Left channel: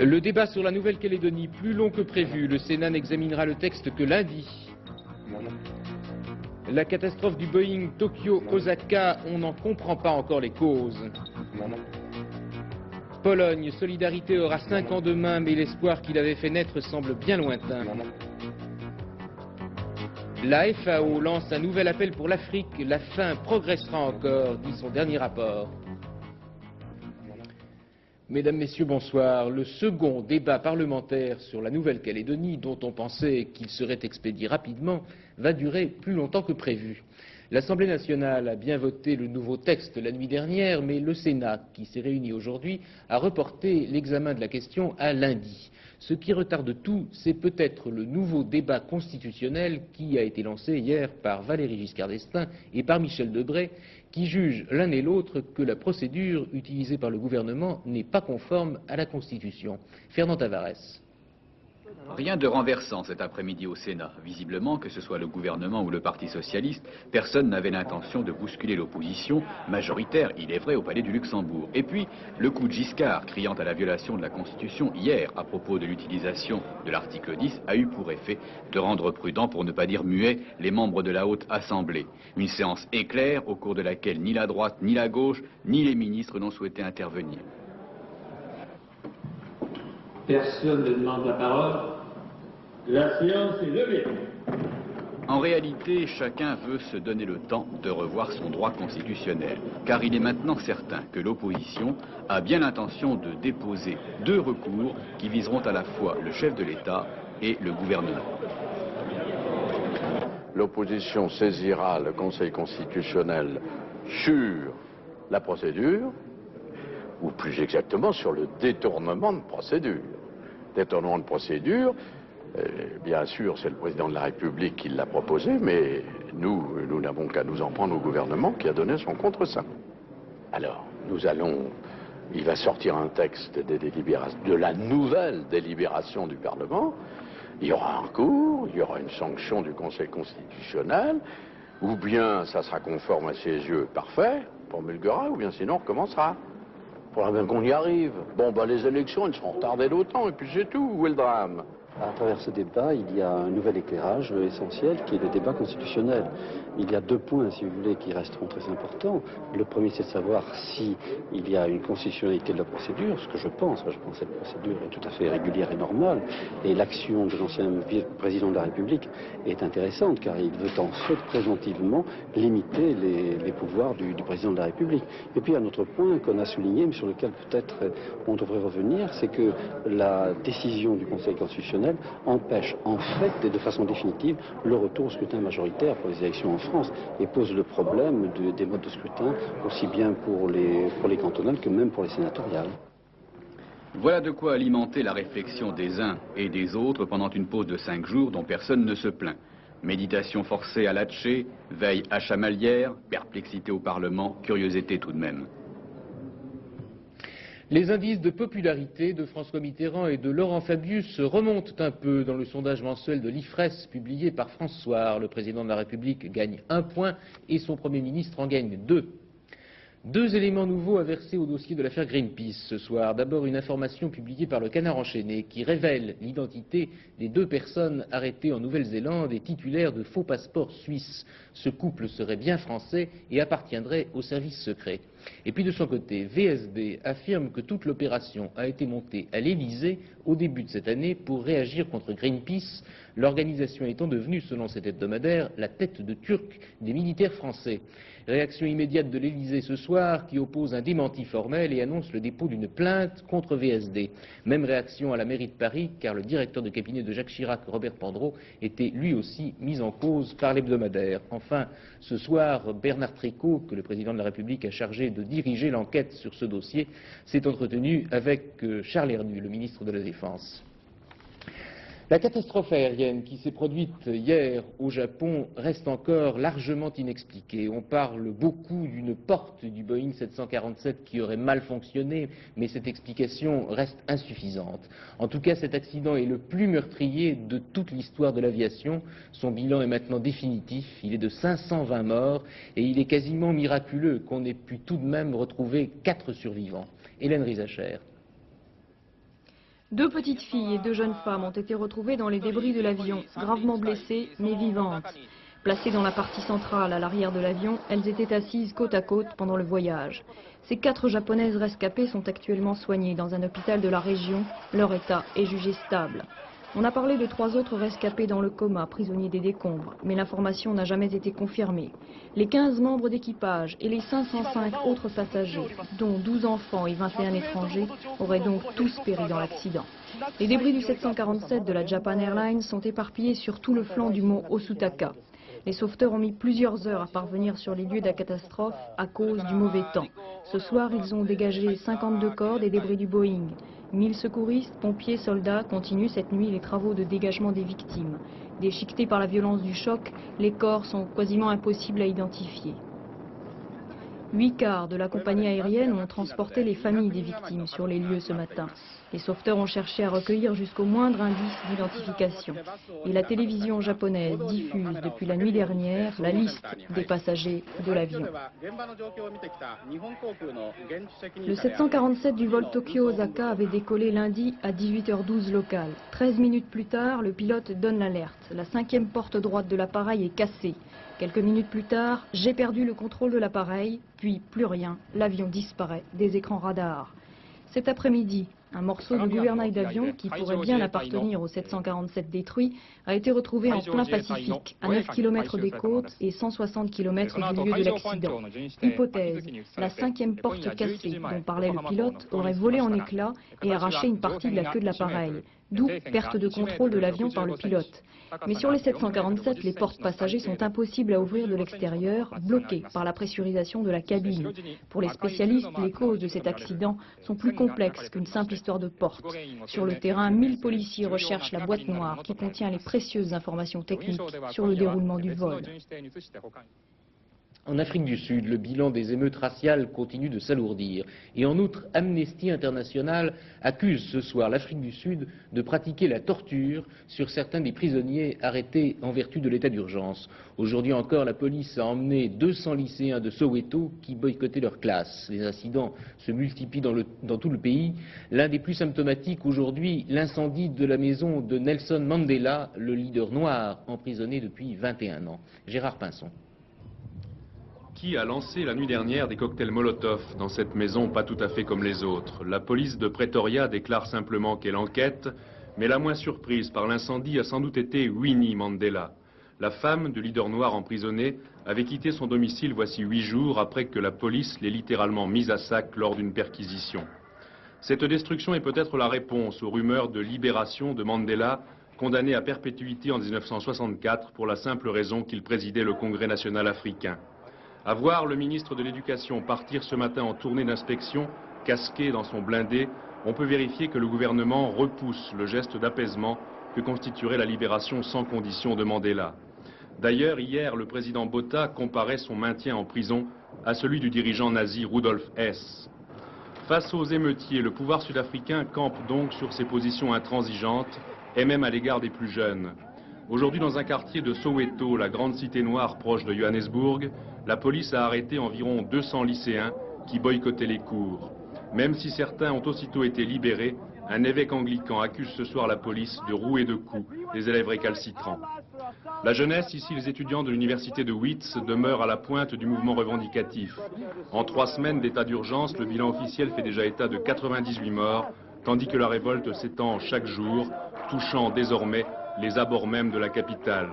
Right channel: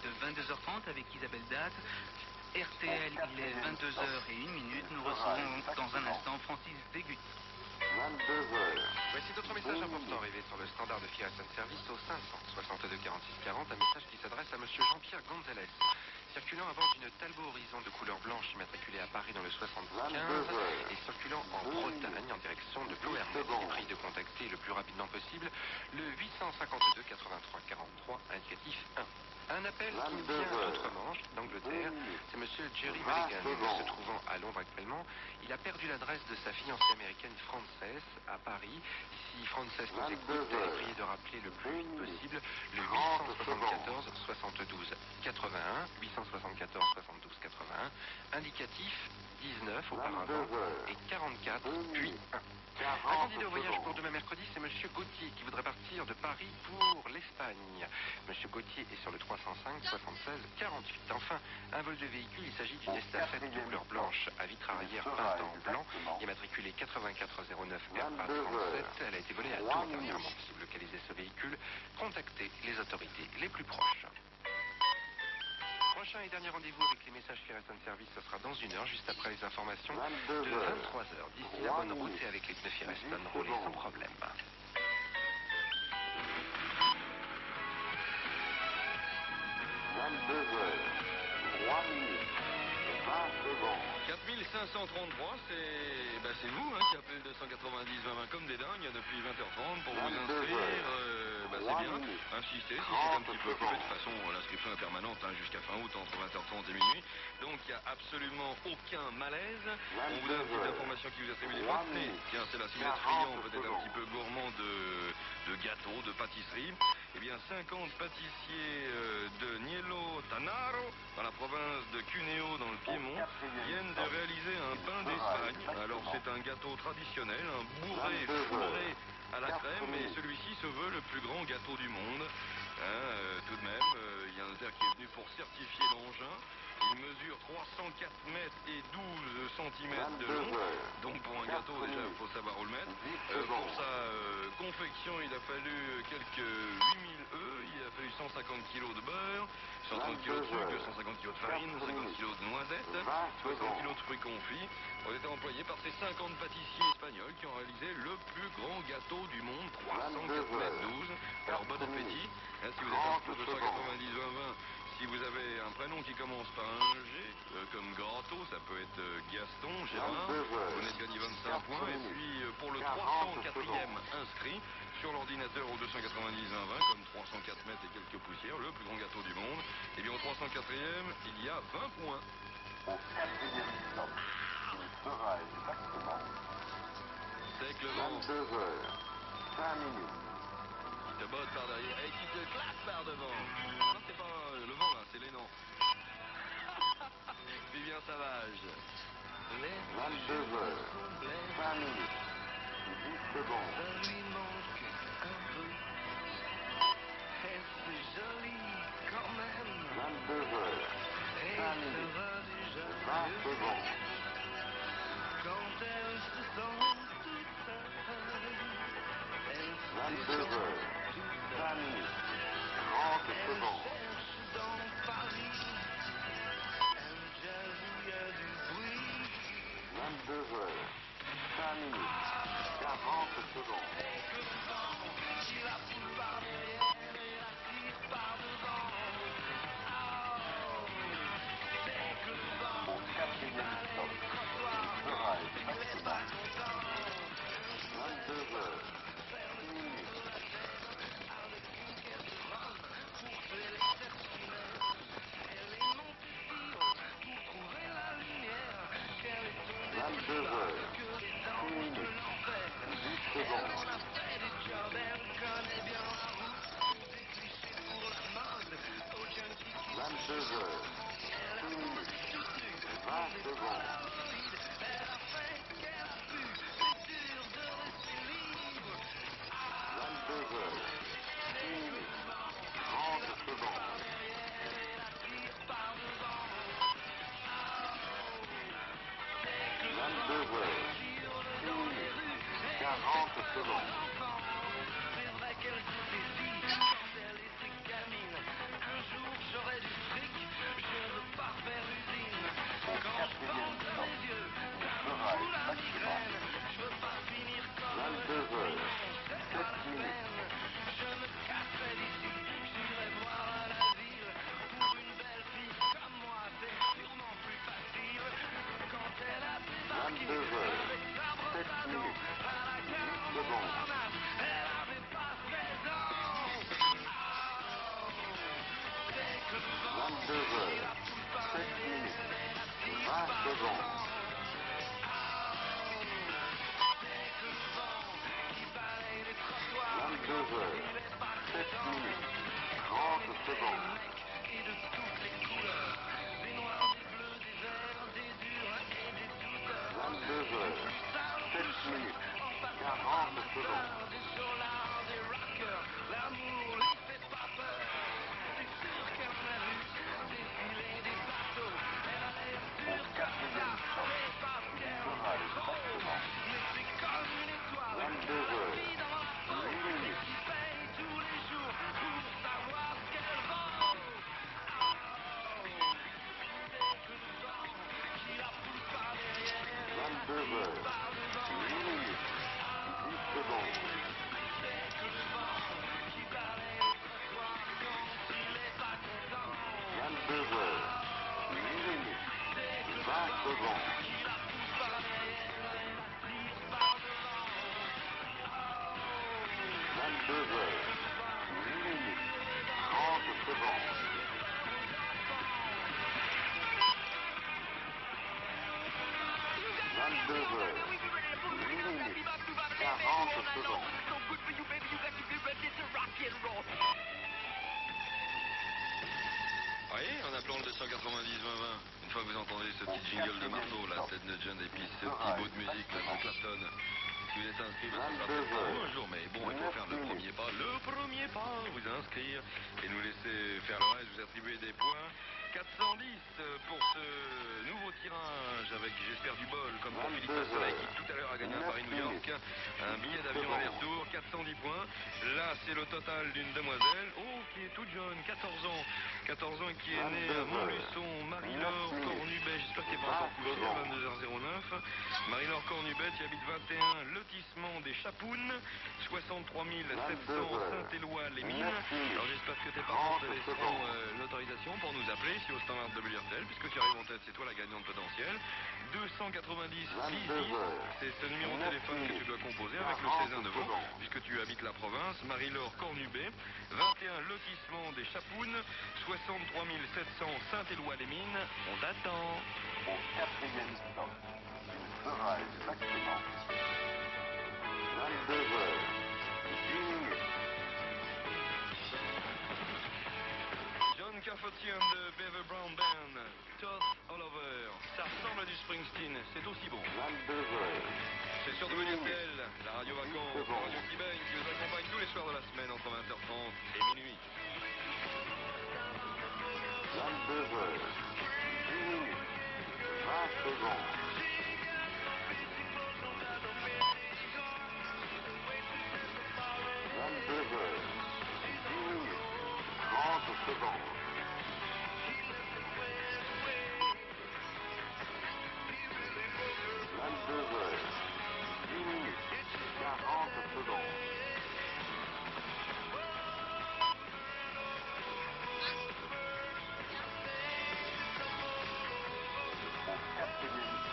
Le débat sur la Nouvelle-Calédonie, plus long que prévu, le Sénat n'examinera le texte que lundi. La catastrophe du Boeing Tokyo-Osaka, on n'en comprend pas encore les causes. Pologne, Solidarité aura 5 ans demain, mais l'espoir qu'il avait fait naître semble bien lointain. La FAO lance un nouvel appel pour l'Afrique. La faim progressera encore, dit son dernier rapport. Mesdames, Messieurs, bonsoir. Le second débat parlementaire sur la Nouvelle-Calédonie, dont on pensait qu'il serait expédié rapidement, va durer plus longtemps que prévu. L'Assemblée nationale a bien voté le nouveau texte la nuit dernière, mais le Sénat, qui s'est réuni aujourd'hui, a reporté l'examen de la question à lundi. Ce qui retarde tout, c'est peut-être le nouveau débat constitutionnel qui a été lancé hier par Valéry Giscard d'Estaing et par Michel Debré, qui jugent l'un et l'autre que la procédure utilisée par le gouvernement n'est pas conforme à la Constitution. Fernand Tavares. Rien de renversant cet après-midi au Sénat. Visiblement, que ce soit le gouvernement ou le Parti socialiste, personne n'avait l'intention de bousculer l'opposition, majoritaire, il est vrai, au Palais du Luxembourg. Et puis, le coup de Giscard, criant à la violation de la Constitution hier à propos de l'utilisation de l'article 10, a eu pour effet de rendre prudents, pour ne pas dire muets, les membres de la Haute Assemblée. Une séance éclair au cours de laquelle ni la droite, ni la gauche, ni les ministres n'ont souhaité intervenir. Personne ne demande la parole. La séance est levée. En réalité, chacun veut se donner le temps de revoir son droit constitutionnel, car il est maintenant certain que l'opposition a bien l'intention de déposer 2 recours qui viseront à la fois le chef de l'État et le gouvernement. L'opposition saisira le Conseil constitutionnel sur la procédure, ou plus exactement sur le détournement de procédure. Détournement de procédure, bien sûr, c'est le président de la République qui l'a proposé, mais nous n'avons qu'à nous en prendre au gouvernement qui a donné son contre-saint. Alors, il va sortir un texte de la nouvelle délibération du Parlement. Il y aura un recours, il y aura une sanction du Conseil constitutionnel, ou bien ça sera conforme à ses yeux, parfait, on promulguera, ou bien sinon on recommencera. Il faudra bien qu'on y arrive. Bon, les élections, elles seront retardées d'autant, et puis c'est tout. Où est le drame? À travers ce débat, il y a un nouvel éclairage essentiel qui est le débat constitutionnel. Il y a 2 points, si vous voulez, qui resteront très importants. Le premier, c'est de savoir s'il y a une constitutionnalité de la procédure, ce que je pense, parce que cette procédure est tout à fait régulière et normale. Et l'action de l'ancien président de la République est intéressante, car il veut en fait préventivement limiter les pouvoirs du président de la République. Et puis un autre point qu'on a souligné, sur lequel peut-être on devrait revenir, c'est que la décision du Conseil constitutionnel empêche en fait, de façon définitive, le retour au scrutin majoritaire pour les élections en France et pose le problème des modes de scrutin aussi bien pour les cantonales que même pour les sénatoriales. Voilà de quoi alimenter la réflexion des uns et des autres pendant une pause de 5 jours dont personne ne se plaint. Méditation forcée à Latché, veille à Chamalières, perplexité au Parlement, curiosité tout de même. Les indices de popularité de François Mitterrand et de Laurent Fabius remontent un peu dans le sondage mensuel de l'IFRES publié par François. Le président de la République gagne 1 point et son Premier ministre en gagne 2. 2 éléments nouveaux à verser au dossier de l'affaire Greenpeace ce soir. D'abord une information publiée par le Canard enchaîné qui révèle l'identité des 2 personnes arrêtées en Nouvelle-Zélande et titulaires de faux passeports suisses. Ce couple serait bien français et appartiendrait au service secret. Et puis de son côté, VSD affirme que toute l'opération a été montée à l'Élysée au début de cette année pour réagir contre Greenpeace, l'organisation étant devenue, selon cet hebdomadaire, la tête de turc des militaires français. Réaction immédiate de l'Élysée ce soir qui oppose un démenti formel et annonce le dépôt d'une plainte contre VSD. Même réaction à la mairie de Paris car le directeur de cabinet de Jacques Chirac, Robert Pandreau, était lui aussi mis en cause par l'hebdomadaire. Enfin, ce soir, Bernard Prévost, que le président de la République a chargé de diriger l'enquête sur ce dossier, s'est entretenu avec Charles Herny, le ministre de la Défense. La catastrophe aérienne qui s'est produite hier au Japon reste encore largement inexpliquée. On parle beaucoup d'une porte du Boeing 747 qui aurait mal fonctionné, mais cette explication reste insuffisante. En tout cas, cet accident est le plus meurtrier de toute l'histoire de l'aviation. Son bilan est maintenant définitif, il est de 520 morts et il est quasiment miraculeux qu'on ait pu tout de même retrouver 4 survivants. Hélène Rizacher. 2 petites filles et 2 jeunes femmes ont été retrouvées dans les débris de l'avion, gravement blessées mais vivantes. Placées dans la partie centrale à l'arrière de l'avion, elles étaient assises côte à côte pendant le voyage. Ces 4 japonaises rescapées sont actuellement soignées dans un hôpital de la région. Leur état est jugé stable. On a parlé de 3 autres rescapés dans le coma, prisonniers des décombres, mais l'information n'a jamais été confirmée. Les 15 membres d'équipage et les 505 autres passagers, dont 12 enfants et 21 étrangers, auraient donc tous péri dans l'accident. Les débris du 747 de la Japan Airlines sont éparpillés sur tout le flanc du mont Osutaka. Les sauveteurs ont mis plusieurs heures à parvenir sur les lieux de la catastrophe à cause du mauvais temps. Ce soir, ils ont dégagé 52 corps des débris du Boeing. 1000 secouristes, pompiers, soldats continuent cette nuit les travaux de dégagement des victimes. Déchiquetés par la violence du choc, les corps sont quasiment impossibles à identifier. 8 cars de la compagnie aérienne ont transporté les familles des victimes sur les lieux ce matin. Les sauveteurs ont cherché à recueillir jusqu'au moindre indice d'identification. Et la télévision japonaise diffuse depuis la nuit dernière la liste des passagers de l'avion. Le 747 du vol Tokyo-Osaka avait décollé lundi à 18h12 local. 13 minutes plus tard, le pilote donne l'alerte. La 5e porte droite de l'appareil est cassée. Quelques minutes plus tard, j'ai perdu le contrôle de l'appareil, puis plus rien, l'avion disparaît des écrans radars. Cet après-midi, un morceau de gouvernail d'avion qui pourrait bien appartenir au 747 détruit a été retrouvé en plein Pacifique, à 9 km des côtes et 160 km du lieu de l'accident. Hypothèse, la 5e porte cassée dont parlait le pilote aurait volé en éclats et arraché une partie de la queue de l'appareil, d'où perte des contrôles de l'avion par le pilote. Mais sur les 747, les portes passagers sont impossibles à ouvrir de l'extérieur, bloquées par la pressurisation de la cabine. Pour les spécialistes, les causes de cet accident sont plus complexes qu'une simple histoire de porte. Sur le terrain, 1000 policiers recherchent la boîte noire qui contient les précieuses informations techniques sur le déroulement du vol. En Afrique du Sud, le bilan des émeutes raciales continue de s'alourdir. Et en outre, Amnesty International accuse ce soir l'Afrique du Sud de pratiquer la torture sur certains des prisonniers arrêtés en vertu de l'état d'urgence. Aujourd'hui encore, la police a emmené 200 lycéens de Soweto qui boycottaient leur classe. Les incidents se multiplient dans tout le pays. L'un des plus symptomatiques aujourd'hui, l'incendie de la maison de Nelson Mandela, le leader noir emprisonné depuis 21 ans. Gérard Pinson. Qui a lancé la nuit dernière des cocktails Molotov dans cette maison pas tout à fait comme les autres. La police de Pretoria déclare simplement qu'elle enquête, mais la moins surprise par l'incendie a sans doute été Winnie Mandela. La femme du leader noir emprisonné avait quitté son domicile voici 8 jours après que la police l'ait littéralement mise à sac lors d'une perquisition. Cette destruction est peut-être la réponse aux rumeurs de libération de Mandela, condamné à perpétuité en 1964 pour la simple raison qu'il présidait le Congrès national africain. À voir le ministre de l'Éducation partir ce matin en tournée d'inspection, casqué dans son blindé, on peut vérifier que le gouvernement repousse le geste d'apaisement que constituerait la libération sans condition de Mandela. D'ailleurs, hier, le président Botha comparait son maintien en prison à celui du dirigeant nazi Rudolf Hess. Face aux émeutiers, le pouvoir sud-africain campe donc sur ses positions intransigeantes et même à l'égard des plus jeunes. Aujourd'hui, dans un quartier de Soweto, la grande cité noire proche de Johannesburg, la police a arrêté environ 200 lycéens qui boycottaient les cours. Même si certains ont aussitôt été libérés, un évêque anglican accuse ce soir la police de rouer de coups des élèves récalcitrants. La jeunesse, ici les étudiants de l'université de Wits, demeurent à la pointe du mouvement revendicatif. En 3 semaines d'état d'urgence, le bilan officiel fait déjà état de 98 morts, tandis que la révolte s'étend chaque jour, touchant désormais les abords même de la capitale.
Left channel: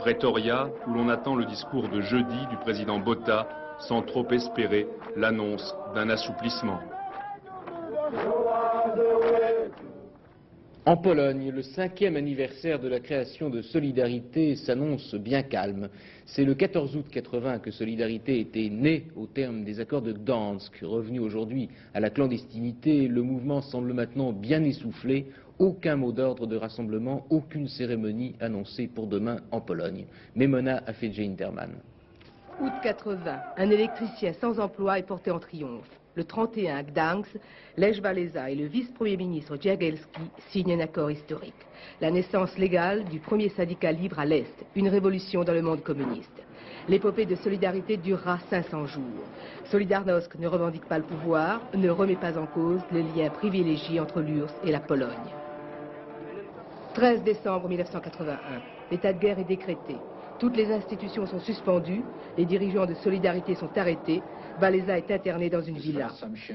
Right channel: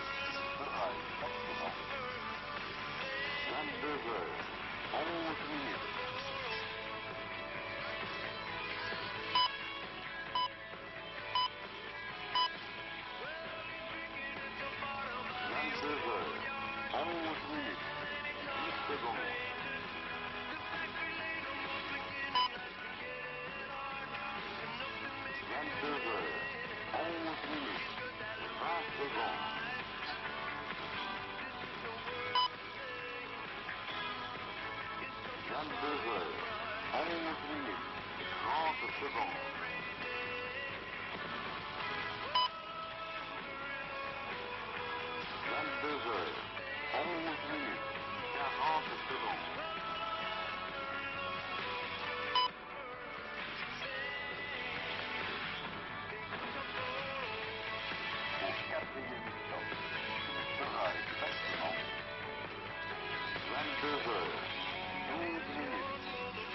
Pretoria, où l'on attend le discours de jeudi du président Botha, sans trop espérer l'annonce d'un assouplissement. En Pologne, le 5e anniversaire de la création de Solidarité s'annonce bien calme. C'est le 14 août 80 que Solidarité était née au terme des accords de Gdansk. Revenu aujourd'hui à la clandestinité, le mouvement semble maintenant bien essoufflé. Aucun mot d'ordre de rassemblement, aucune cérémonie annoncée pour demain en Pologne. Memona Afedje-Interman. Août 80, un électricien sans emploi est porté en triomphe. Le 31 à Gdansk, Lech Walesa et le vice-premier ministre Jagielski signent un accord historique. La naissance légale du premier syndicat libre à l'Est, une révolution dans le monde communiste. L'épopée de Solidarité durera 500 jours. Solidarność ne revendique pas le pouvoir, ne remet pas en cause le lien privilégié entre l'URSS et la Pologne. 13 décembre 1981. L'état de guerre est décrété. Toutes les institutions sont suspendues. Les dirigeants de Solidarité sont arrêtés. Walesa est interné dans une villa.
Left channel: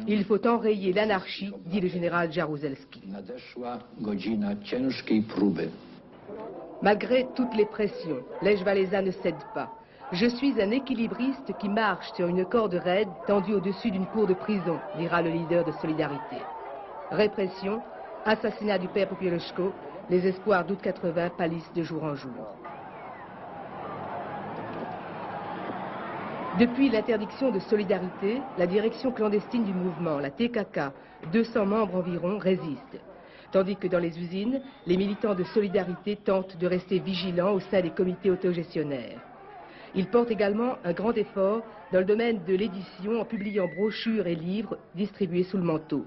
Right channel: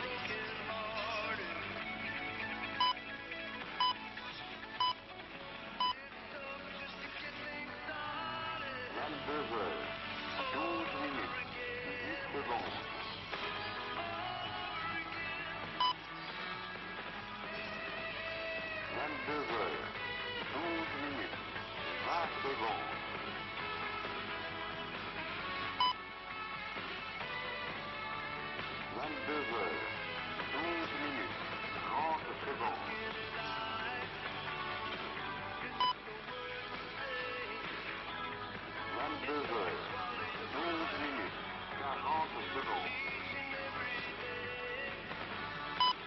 Il faut enrayer l'anarchie, dit le général Jaruzelski. Malgré toutes les pressions, Lech Walesa ne cède pas. Je suis un équilibriste qui marche sur une corde raide tendue au-dessus d'une cour de prison, dira le leader de Solidarité. Répression, assassinat du père Popieluszko, les espoirs d'août 80 pâlissent de jour en jour. Depuis l'interdiction de Solidarité, la direction clandestine du mouvement, la TKK, 200 membres environ, résiste. Tandis que dans les usines, les militants de Solidarité tentent de rester vigilants au sein des comités autogestionnaires. Ils portent également un grand effort dans le domaine de l'édition en publiant brochures et livres distribués sous le manteau.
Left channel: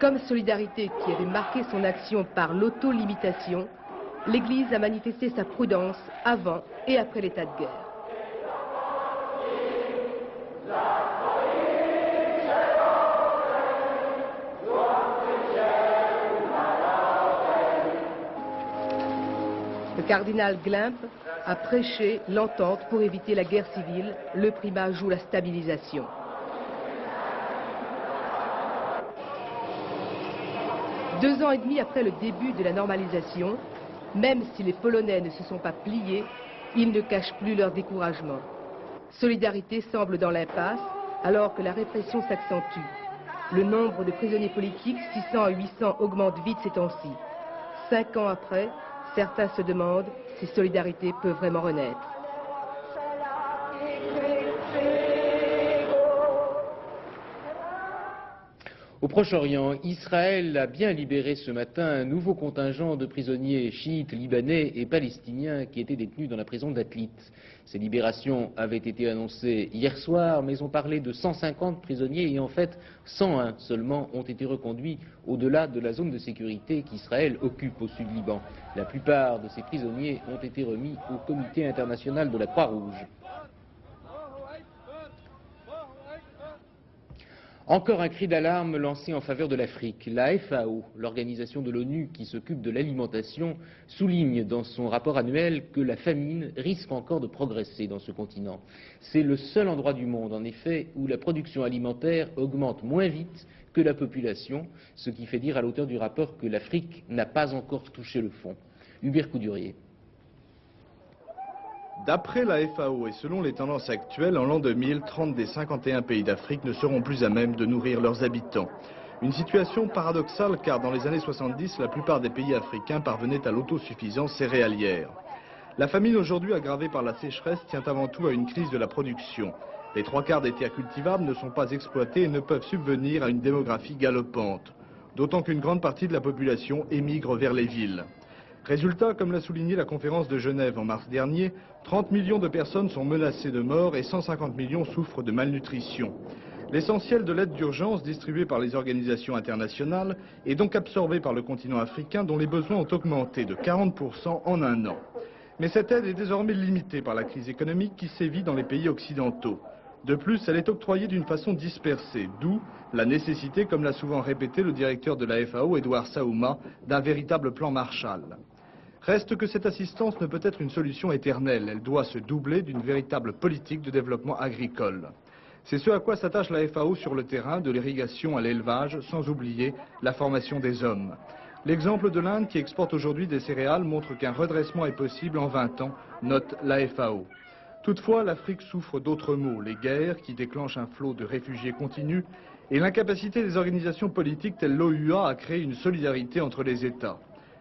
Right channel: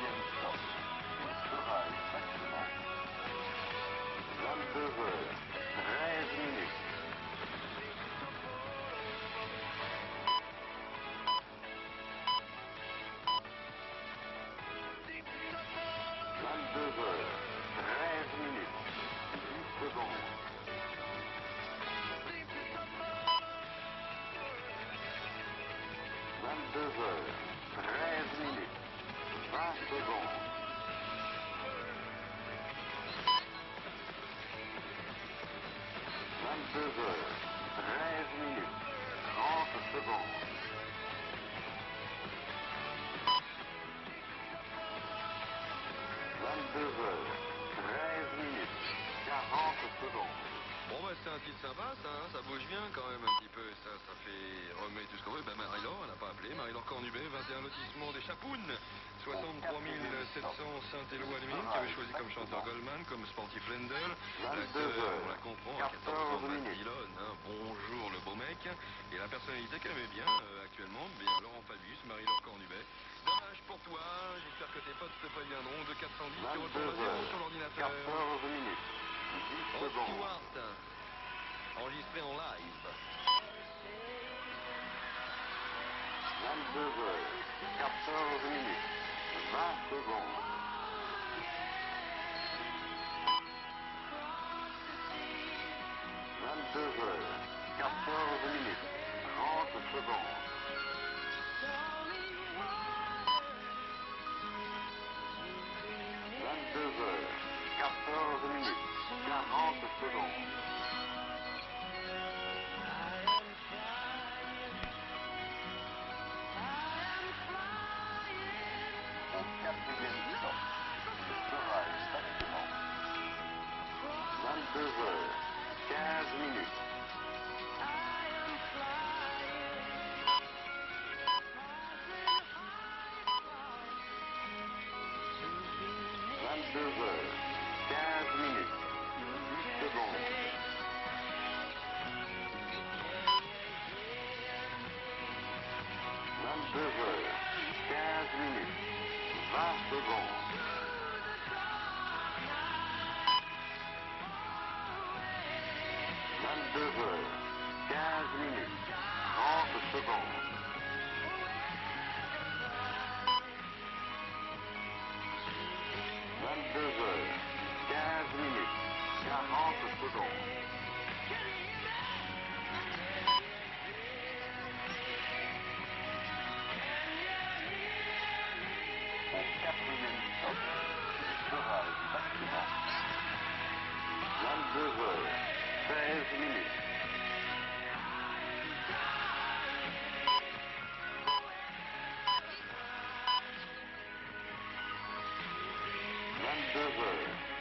Comme Solidarité, qui avait marqué son action par l'auto-limitation, l'Église a manifesté sa prudence avant et après l'état de guerre. Le cardinal Glimp a prêché l'entente pour éviter la guerre civile. Le primat joue la stabilisation. Deux ans et demi après le début de la normalisation, même si les Polonais ne se sont pas pliés, ils ne cachent plus leur découragement. Solidarité semble dans l'impasse alors que la répression s'accentue. Le nombre de prisonniers politiques, 600 à 800, augmente vite ces temps-ci. 5 ans après, certains se demandent si Solidarité peut vraiment renaître. Au Proche-Orient, Israël a bien libéré ce matin un nouveau contingent de prisonniers chiites, libanais et palestiniens qui étaient détenus dans la prison d'Afit. Ces libérations avaient été annoncées hier soir, mais on parlait de 150 prisonniers et en fait 101 seulement ont été reconduits au-delà de la zone de sécurité qu'Israël occupe au sud Liban. La plupart de ces prisonniers ont été remis au Comité international de la Croix-Rouge. Encore un cri d'alarme lancé en faveur de l'Afrique. La FAO, l'organisation de l'ONU qui s'occupe de l'alimentation, souligne dans son rapport annuel que la famine risque encore de progresser dans ce continent. C'est le seul endroit du monde, en effet, où la production alimentaire augmente moins vite que la population, ce qui fait dire à l'auteur du rapport que l'Afrique n'a pas encore touché le fond. Hubert Coudurier. D'après la FAO et selon les tendances actuelles, en l'an 2000, 30 des 51 pays d'Afrique ne seront plus à même de nourrir leurs habitants. Une situation paradoxale car dans les années 70, la plupart des pays africains parvenaient à l'autosuffisance céréalière. La famine aujourd'hui aggravée par la sécheresse tient avant tout à une crise de la production. Les 3/4 des terres cultivables ne sont pas exploitées et ne peuvent subvenir à une démographie galopante. D'autant qu'une grande partie de la population émigre vers les villes. Résultat, comme l'a souligné la conférence de Genève en mars dernier, 30 millions de personnes sont menacées de mort et 150 millions souffrent de malnutrition. L'essentiel de l'aide d'urgence distribuée par les organisations internationales est donc absorbé par le continent africain dont les besoins ont augmenté de 40% en un an. Mais cette aide est désormais limitée par la crise économique qui sévit dans les pays occidentaux. De plus, elle est octroyée d'une façon dispersée, d'où la nécessité, comme l'a souvent répété le directeur de la FAO, Edouard Saouma, d'un véritable plan Marshall. Reste que cette assistance ne peut être une solution éternelle, elle doit se doubler d'une véritable politique de développement agricole. C'est ce à quoi s'attache la FAO sur le terrain, de l'irrigation à l'élevage, sans oublier la formation des hommes. L'exemple de l'Inde qui exporte aujourd'hui des céréales montre qu'un redressement est possible en 20 ans, note la FAO. Toutefois, l'Afrique souffre d'autres maux, les guerres qui déclenchent un flot de réfugiés continu et l'incapacité des organisations politiques telles l'OUA à créer une solidarité entre les États.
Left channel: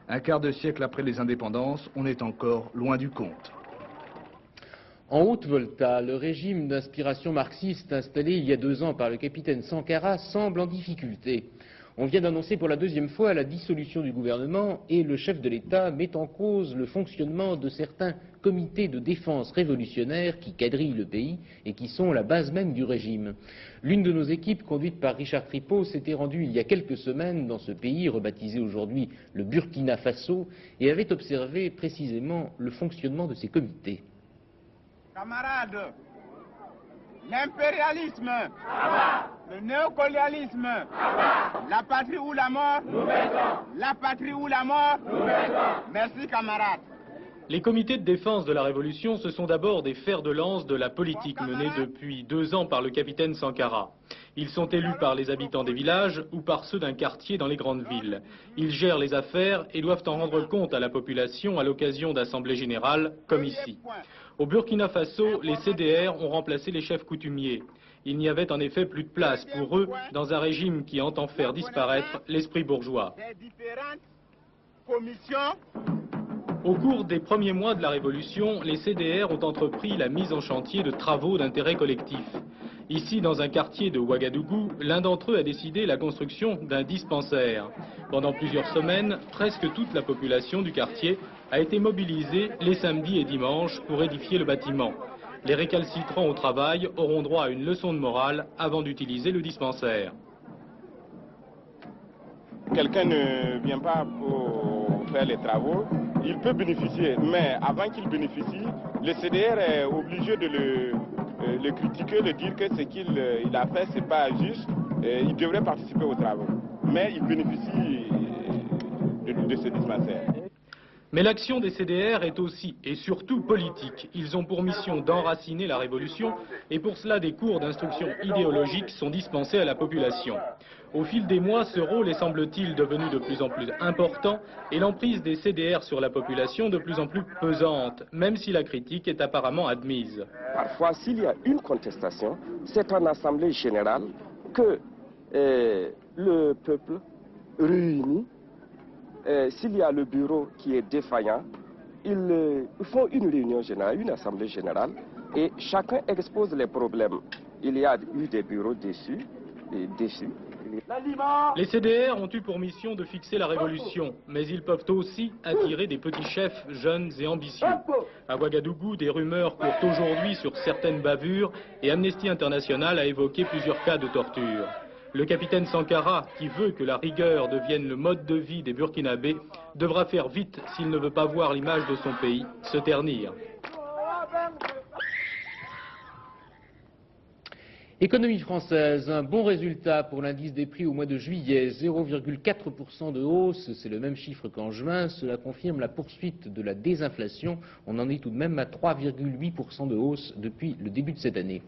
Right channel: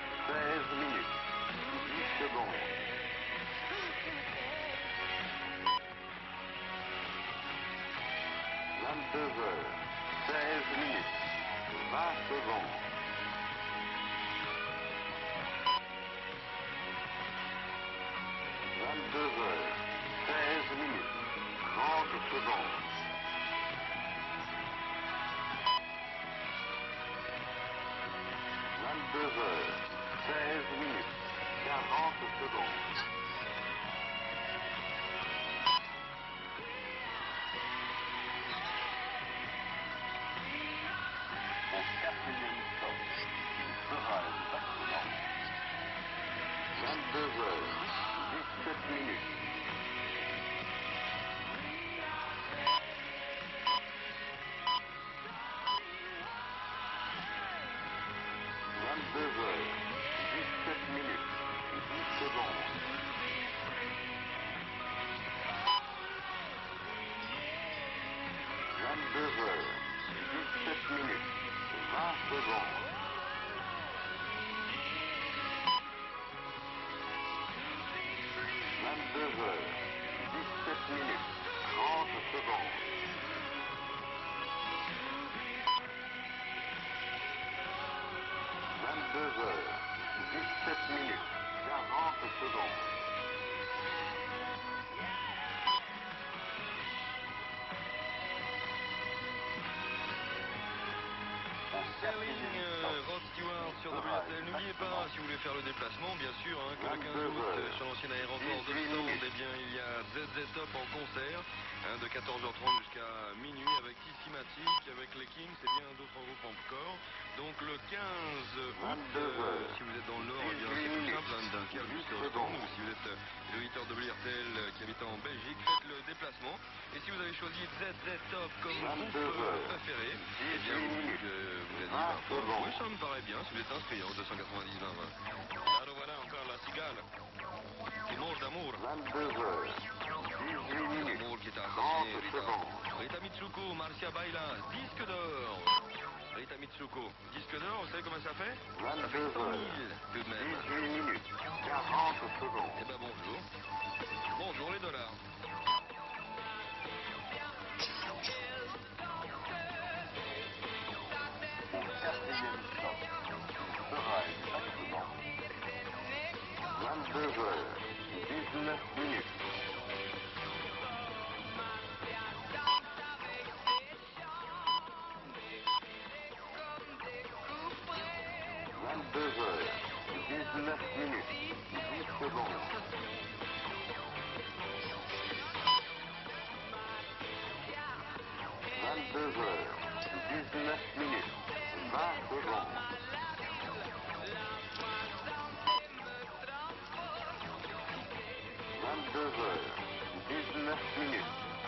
Un quart de siècle après les indépendances, on est encore loin du compte. En Haute-Volta, le régime d'inspiration marxiste installé il y a 2 ans par le capitaine Sankara semble en difficulté. On vient d'annoncer pour la 2e fois la dissolution du gouvernement et le chef de l'État met en cause le fonctionnement de certains comités de défense révolutionnaires qui quadrillent le pays et qui sont la base même du régime. L'une de nos équipes, conduite par Richard Tripot, s'était rendue il y a quelques semaines dans ce pays, rebaptisé aujourd'hui le Burkina Faso, et avait observé précisément le fonctionnement de ces comités. L'impérialisme, le néocolonialisme, la patrie ou la mort, la patrie ou la mort. Merci camarades. Les comités de défense de la Révolution, ce sont d'abord des fers de lance de la politique menée depuis 2 ans par le capitaine Sankara. Ils sont élus par les habitants des villages ou par ceux d'un quartier dans les grandes villes. Ils gèrent les affaires et doivent en rendre compte à la population à l'occasion d'assemblées générales, comme ici. Au Burkina Faso, les CDR ont remplacé les chefs coutumiers. Il n'y avait en effet plus de place pour eux dans un régime qui entend faire disparaître l'esprit bourgeois. Au cours des premiers mois de la Révolution, les CDR ont entrepris la mise en chantier de travaux d'intérêt collectif. Ici, dans un quartier de Ouagadougou, l'un d'entre eux a décidé la construction d'un dispensaire. Pendant plusieurs semaines, presque toute la population du quartier a été mobilisée les samedis et dimanches pour édifier le bâtiment. Les récalcitrants au travail auront droit à une leçon de morale avant d'utiliser le dispensaire. Quelqu'un ne vient pas pour faire les travaux, il peut bénéficier, mais avant qu'il bénéficie, le CDR est obligé de le critiquer, de dire que ce qu'il a fait, c'est pas juste, il devrait participer aux travaux. Mais il bénéficie de ce dispensaire. Mais l'action des CDR est aussi et surtout politique. Ils ont pour mission d'enraciner la révolution et pour cela des cours d'instruction idéologique sont dispensés à la population. Au fil des mois, ce rôle est semble-t-il devenu de plus en plus important et l'emprise des CDR sur la population de plus en plus pesante, même si la critique est apparemment admise. Parfois, s'il y a une contestation, c'est en assemblée générale que le peuple réuni. S'il y a le bureau qui est défaillant, ils font une réunion générale, une assemblée générale, et chacun expose les problèmes. Il y a eu des bureaux déçus et déçus. Les CDR ont eu pour mission de fixer la révolution, mais ils peuvent aussi attirer des petits chefs jeunes et ambitieux. À Ouagadougou, des rumeurs courent aujourd'hui sur certaines bavures et Amnesty International a évoqué plusieurs cas de torture. Le capitaine Sankara, qui veut que la rigueur devienne le mode de vie des Burkinabés, devra faire vite s'il ne veut pas voir l'image de son pays se ternir. Économie française, un bon résultat pour l'indice des prix au mois de juillet, 0,4% de hausse, c'est le même chiffre qu'en juin, cela confirme la poursuite de la désinflation, on en est tout de même à 3,8% de hausse depuis le début de cette année.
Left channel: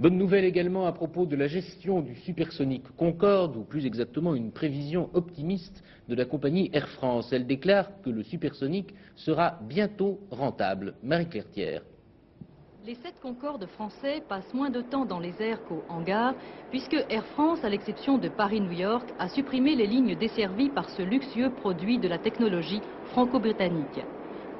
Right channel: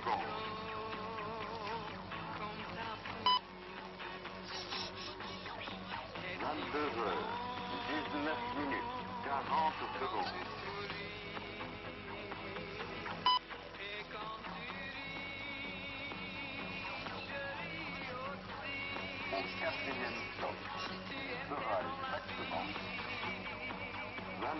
Bonne nouvelle également à propos de la gestion du supersonique Concorde, ou plus exactement une prévision optimiste de la compagnie Air France. Elle déclare que le supersonique sera bientôt rentable. Marie-Claire Pierre. Les 7 Concorde français passent moins de temps dans les airs qu'au hangar, puisque Air France, à l'exception de Paris-New York, a supprimé les lignes desservies par ce luxueux produit de la technologie franco-britannique.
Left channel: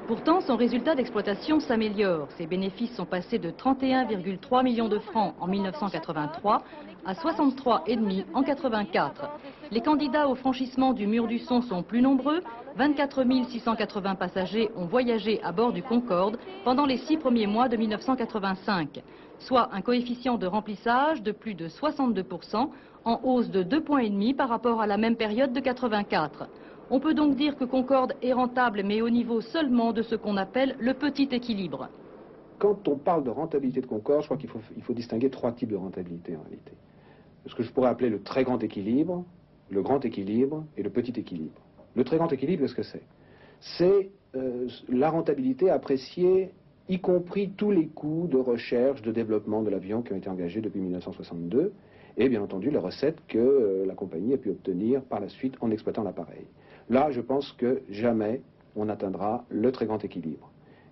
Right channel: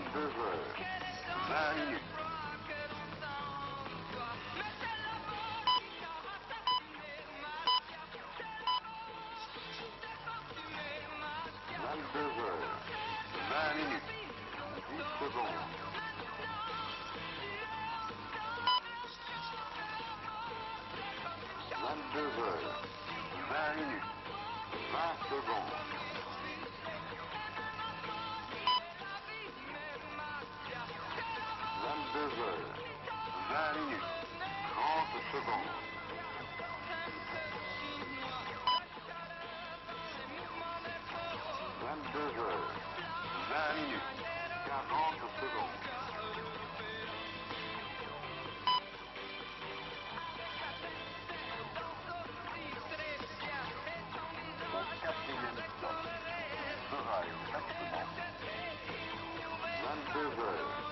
Pourtant, son résultat d'exploitation s'améliore. Ses bénéfices sont passés de 31,3 millions de francs en 1983 à 63,5 en 1984. Les candidats au franchissement du mur du son sont plus nombreux. 24 680 passagers ont voyagé à bord du Concorde pendant les 6 premiers mois de 1985, soit un coefficient de remplissage de plus de 62%, en hausse de 2,5 points par rapport à la même période de 1984. On peut donc dire que Concorde est rentable, mais au niveau seulement de ce qu'on appelle le petit équilibre. Quand on parle de rentabilité de Concorde, je crois qu'il faut distinguer 3 types de rentabilité. Ce que je pourrais appeler le très grand équilibre, le grand équilibre et le petit équilibre. Le très grand équilibre, ce que c'est? C'est la rentabilité appréciée, y compris tous les coûts de recherche, de développement de l'avion qui ont été engagés depuis 1962, et bien entendu les recettes que la compagnie a pu obtenir par la suite en exploitant l'appareil. Là, je pense que jamais on atteindra le très grand équilibre.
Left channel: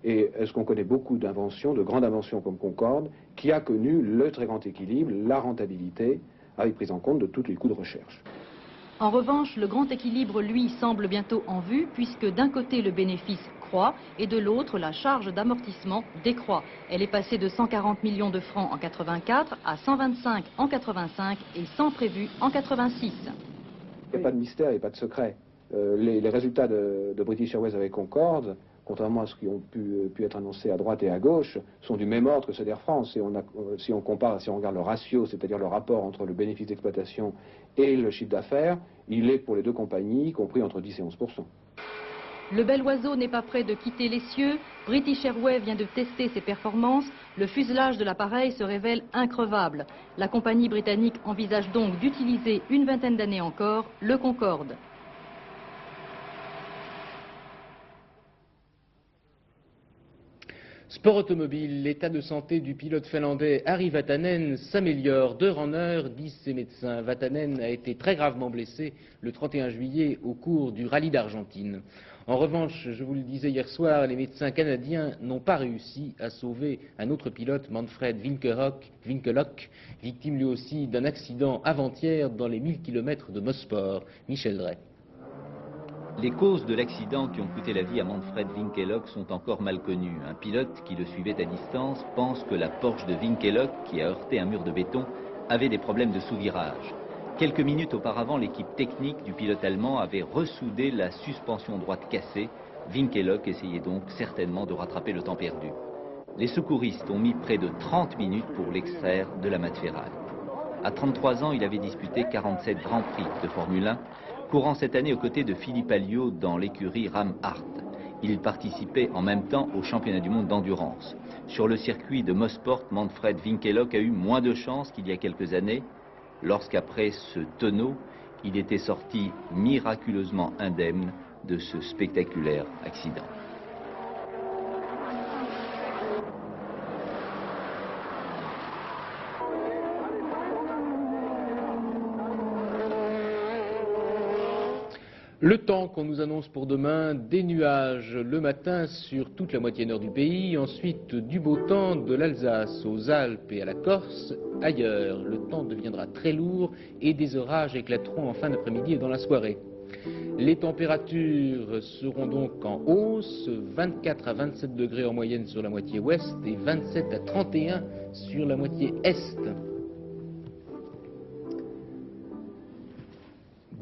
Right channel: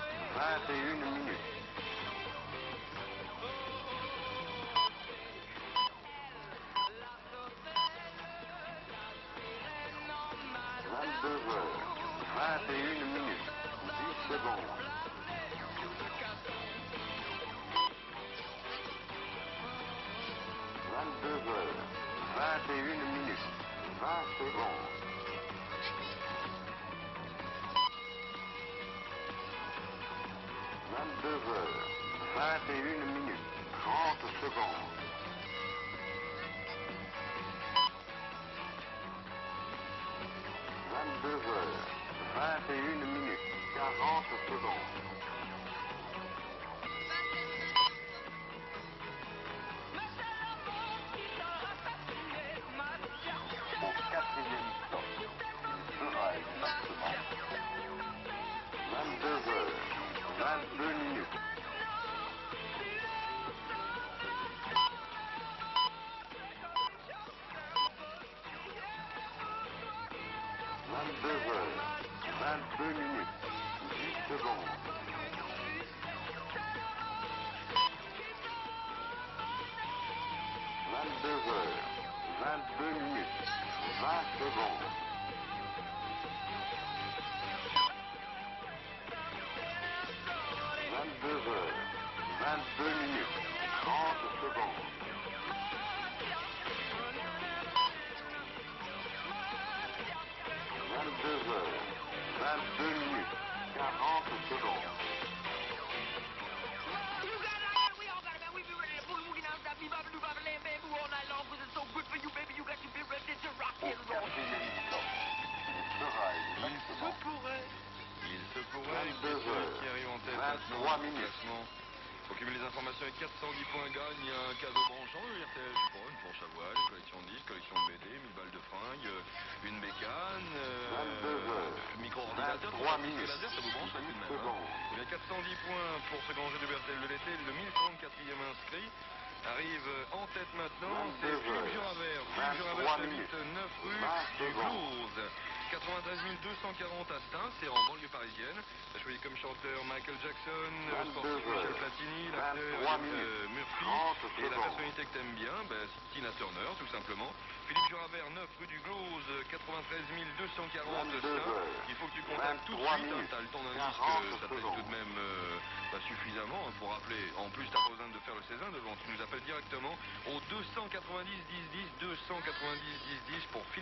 Et on connaît beaucoup d'inventions, de grandes inventions comme Concorde, qui a connu le très grand équilibre, la rentabilité, avec prise en compte de tous les coûts de recherche. En revanche, le grand équilibre, lui, semble bientôt en vue, puisque d'un côté le bénéfice croît et de l'autre la charge d'amortissement décroît. Elle est passée de 140 millions de francs en 1984 à 125 en 1985 et 100 prévus en 1986. Il n'y a pas de mystère, il n'y a pas de secret. Les résultats de British Airways avec Concorde, contrairement à ce qui a pu être annoncé à droite et à gauche, sont du même ordre que ceux d'Air France. Et si on compare, si on regarde le ratio, c'est-à-dire le rapport entre le bénéfice d'exploitation et le chiffre d'affaires, il est pour les deux compagnies compris entre 10 et 11%. Le bel oiseau n'est pas prêt de quitter les cieux. British Airways vient de tester ses performances. Le fuselage de l'appareil se révèle increvable. La compagnie britannique envisage donc d'utiliser une vingtaine d'années encore le Concorde. Sport automobile, l'état de santé du pilote finlandais Harri Vatanen s'améliore d'heure en heure, disent ses médecins. Vatanen a été très gravement blessé le 31 juillet au cours du rallye d'Argentine. En revanche, je vous le disais hier soir, les médecins canadiens n'ont pas réussi à sauver un autre pilote, Manfred Winkelhock, victime lui aussi d'un accident avant-hier dans les 1000 km de Mosport. Michel Drey. Les causes de l'accident qui ont coûté la vie à Manfred Winkelhock sont encore mal connues. Un pilote qui le suivait à distance pense que la Porsche de Winkelhock, qui a heurté un mur de béton, avait des problèmes de sous-virage. Quelques minutes auparavant, l'équipe technique du pilote allemand avait ressoudé la suspension droite cassée. Winkelhock essayait donc certainement de rattraper le temps perdu. Les secouristes ont mis près de 30 minutes pour l'extraire de la matière. À 33 ans, il avait disputé 47 Grands Prix de Formule 1, courant cette année aux côtés de Philippe Alliot dans l'écurie Ram Art. Il participait en même temps au championnat du monde d'endurance. Sur le circuit de Mosport, Manfred Winkelhock a eu moins de chance qu'il y a quelques années, lorsqu'après ce tonneau, il était sorti miraculeusement indemne de ce spectaculaire accident. Le temps qu'on nous annonce pour demain, des nuages le matin sur toute la moitié nord du pays, ensuite du beau temps de l'Alsace aux Alpes et à la Corse. Ailleurs, le temps deviendra très lourd et des orages éclateront en fin d'après-midi et dans la soirée. Les températures seront donc en hausse, 24 à 27 degrés en moyenne sur la moitié ouest et 27 à 31 sur la moitié est.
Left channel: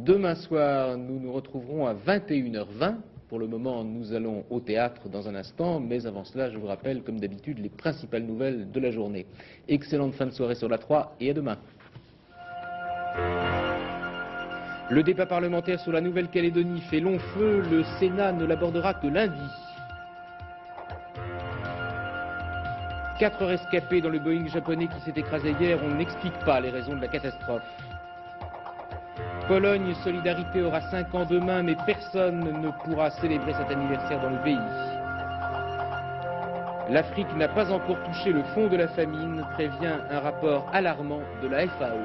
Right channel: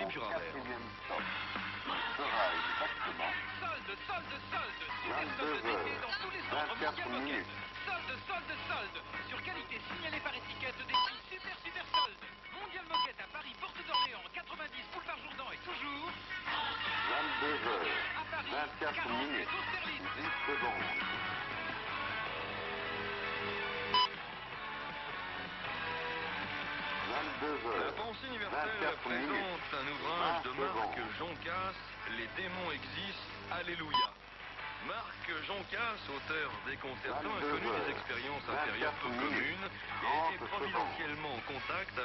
Demain soir, nous nous retrouverons à 21h20. Pour le moment, nous allons au théâtre dans un instant, mais avant cela, je vous rappelle, comme d'habitude, les principales nouvelles de la journée. Excellente fin de soirée sur la 3 et à demain. Le débat parlementaire sur la Nouvelle-Calédonie fait long feu. Le Sénat ne l'abordera que lundi. 4 rescapés dans le Boeing japonais qui s'est écrasé hier. On n'explique pas les raisons de la catastrophe. Pologne, Solidarité aura 5 ans demain, mais personne ne pourra célébrer cet anniversaire dans le pays. L'Afrique n'a pas encore touché le fond de la famine, prévient un rapport alarmant de la FAO.